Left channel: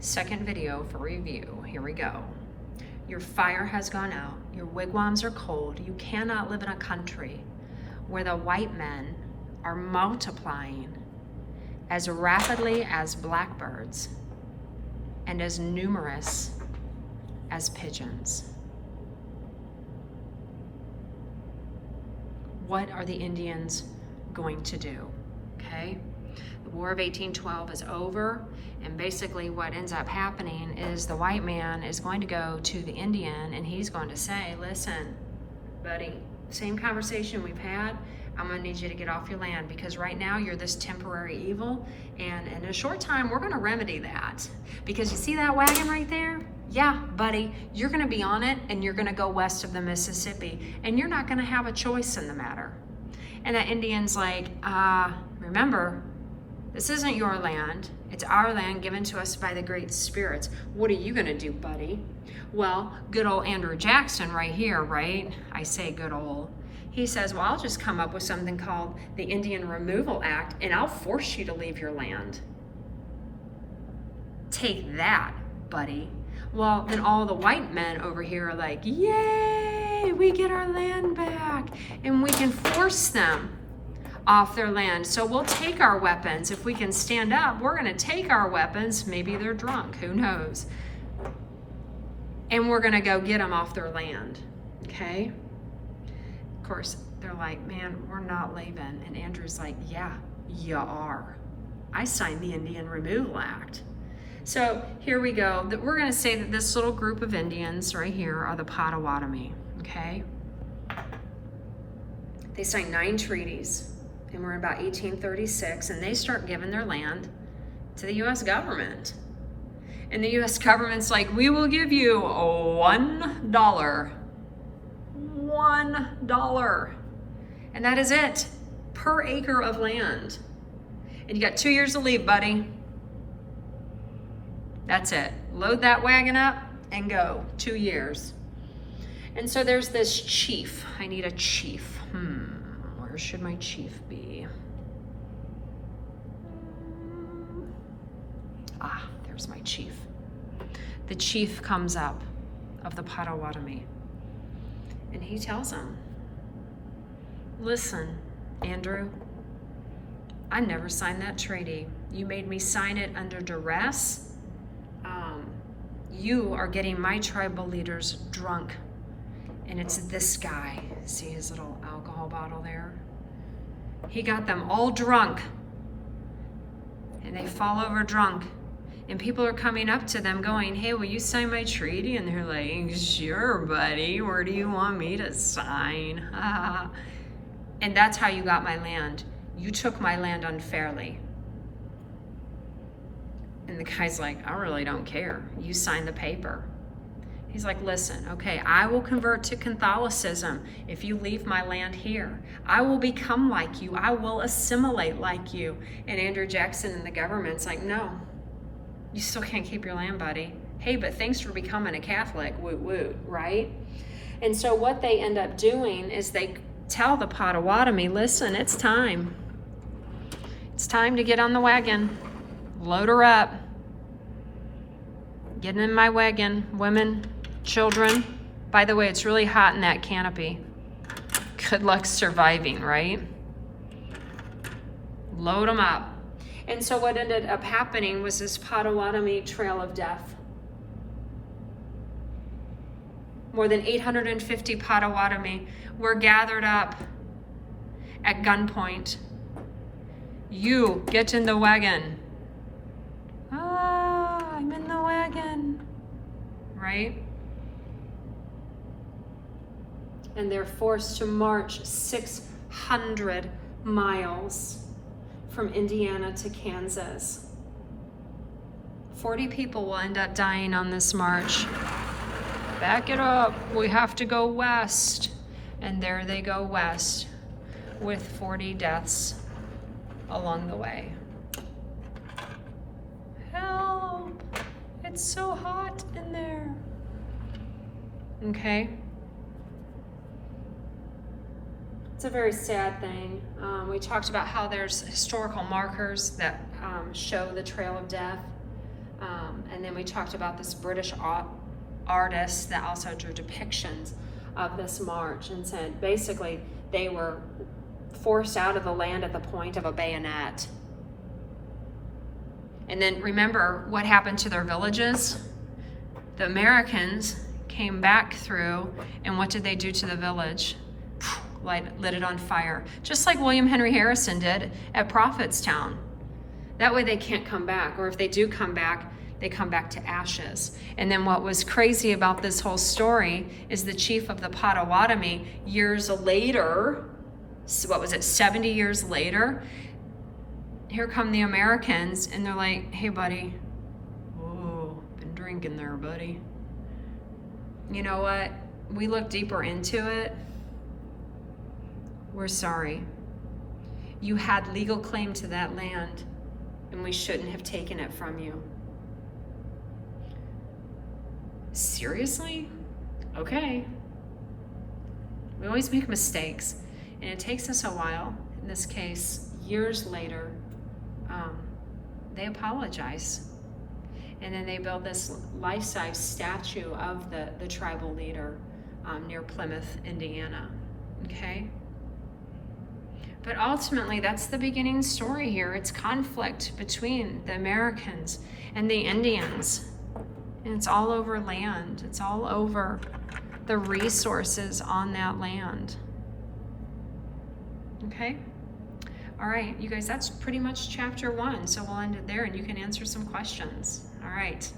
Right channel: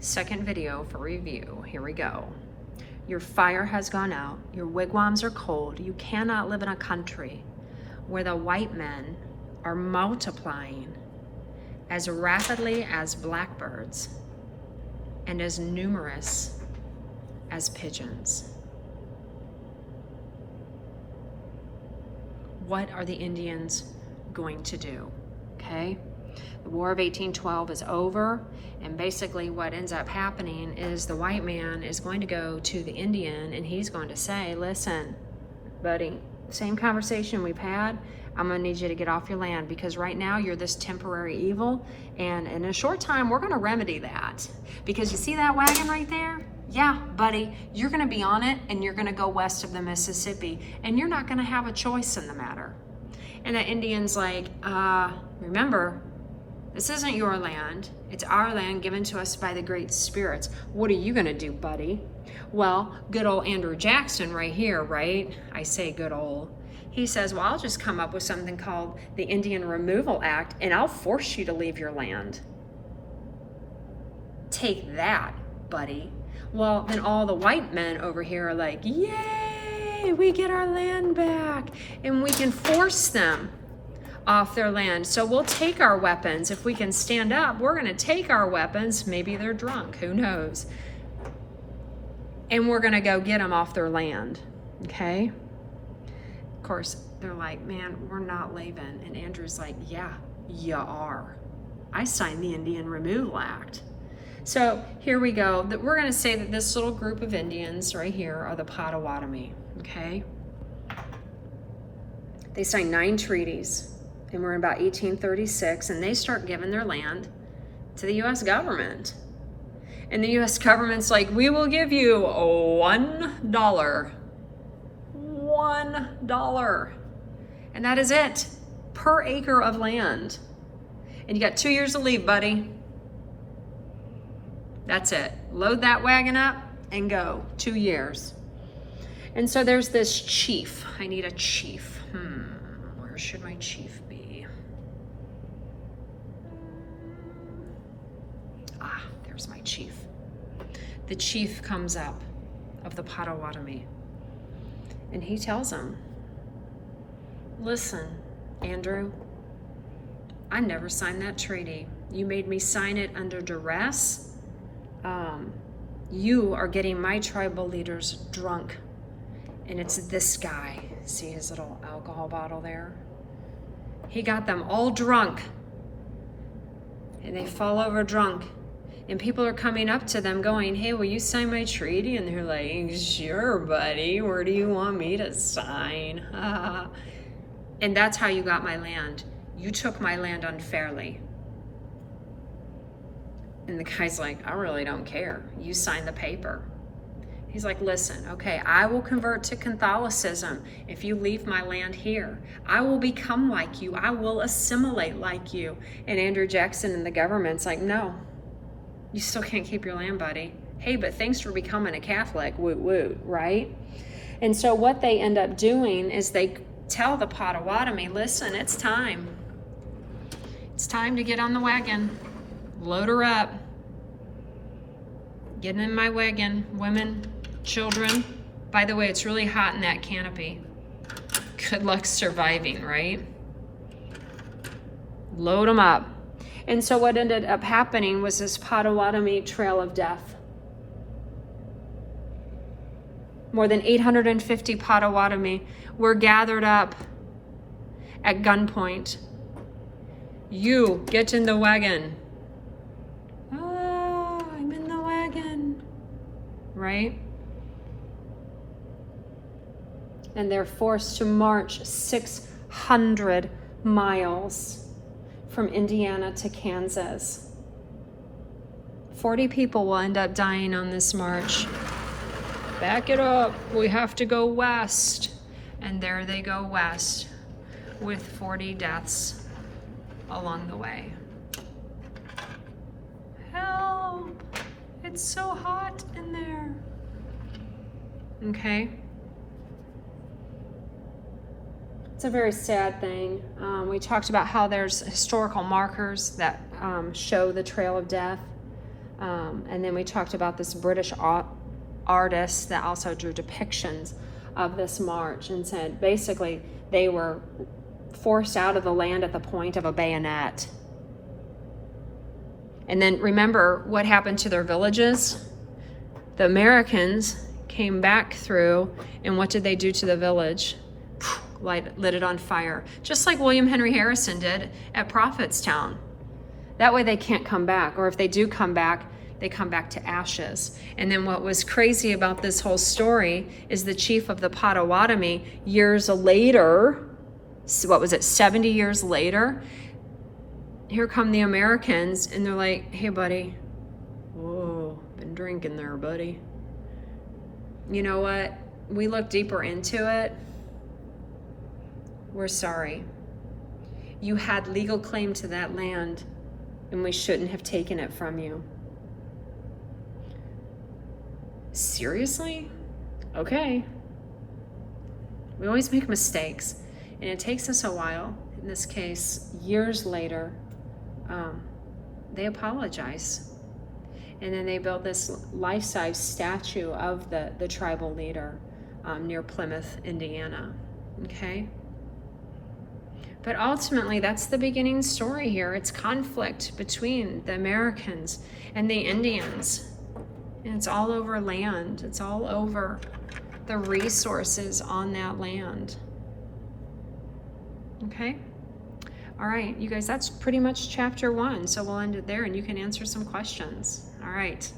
Second video for review. Here we go. Your fire has gone out. Your wigwams are cold. You cannot live in a country where the white men are multiplying as rapidly as blackbirds and as numerous as pigeons. What are the Indians going to do? Okay? The War of 1812 is over, and basically what ends up happening is the white man is going to go to the Indian and he's going to say, listen, buddy, same conversation we've had, I'm gonna need you to get off your land because right now you're this temporary evil, and in a short time we're gonna remedy that. Because you see that wagon right there? Yeah, buddy, you're gonna be on it and you're gonna go west of the Mississippi and you're not gonna have a choice in the matter. And the Indian's like, remember, this isn't your land. It's our land given to us by the great spirits. What are you gonna do, buddy? Well, good old Andrew Jackson right here, right? I say good old. He says, well, I'll just come up with something called the Indian Removal Act and I'll force you to leave your land. Take that, buddy. Well, then all the white men over here are like, yay, we get our land back and we can force them off their land. So we'll take our weapons. If we can stand up, we're gonna take our weapons. Maybe they're drunk, who knows? And we're gonna go get them off their land, okay? Of course, they're like, man, we're not leaving. And Andrew's like, yeah, you are. I signed the Indian Removal Act. So here we go. We're gonna say that this little group of Indians right here are the Potawatomi, okay? They signed 9 treaties, and we're in about 1836, and they start giving their land to the US government. And the US government's like, we will give you $1. $1. And that is it, per acre of land. And you got 2 years to leave, buddy. That's it. Load that wagon up and go. 2 years. And so there's this chief. I need a chief. Where should my chief be? There's my chief. The chief comes up of the Potawatomi. And he tells him, listen, Andrew, I never signed that treaty. You made me sign it under duress. You are getting my tribal leaders drunk. And it's this guy. See his little alcohol bottle there? He got them all drunk. And they fall over drunk. And people are coming up to them going, hey, will you sign my treaty? And they're like, sure, buddy. Where do you want me to sign? And that's how you got my land. You took my land unfairly. And the guy's like, I really don't care. You signed the paper. He's like, listen, okay, I will convert to Catholicism if you leave my land here. I will become like you. I will assimilate like you. And Andrew Jackson and the government's like, no, you still can't keep your land, buddy. Hey, but thanks for becoming a Catholic, woot woot, right? And so what they end up doing is they tell the Potawatomi, listen, it's time. It's time to get on the wagon. Load her up. Get in my wagon, women, children. By the way, it's really hot in that canopy. Good luck surviving, right? Load them up. And so what ended up happening was this Potawatomi Trail of Death. More than 850 Potawatomi were gathered up at gunpoint. You get in the wagon. I'm in the wagon, right? And they're forced to march 600 miles from Indiana to Kansas. 40 people will end up dying on this march. Back it up, we have to go west. And there they go west with 40 deaths along the way. Help, it's so hot in there. Okay. It's a very sad thing. We talked about how there's historical markers that show the Trail of Death. And And then we talked about this British artist that also drew depictions of this march and said basically they were forced out of the land at the point of a bayonet. And then remember what happened to their villages? The Americans came back through, and what did they do to the village? Lit it on fire, just like William Henry Harrison did at Prophetstown. That way they can't come back, or if they do come back, they come back to ashes. And then what was crazy about this whole story is the chief of the Potawatomi, years later, what was it, 70 years later, here come the Americans, and they're like, hey buddy, whoa, been drinking there, buddy. You know what? We look deeper into it. We're sorry. You had legal claim to that land, and we shouldn't have taken it from you. Seriously? Okay. We always make mistakes, and it takes us a while. In this case, years later, they apologize. And then they build this life-size statue of the tribal leader near Plymouth, Indiana. Okay? But ultimately, that's the beginning story here. It's conflict between the Americans and the Indians. And it's all over land. It's all over the resources on that land. Okay? All right, you guys, that's pretty much chapter 1. So we'll end it there and you can answer some questions. All right.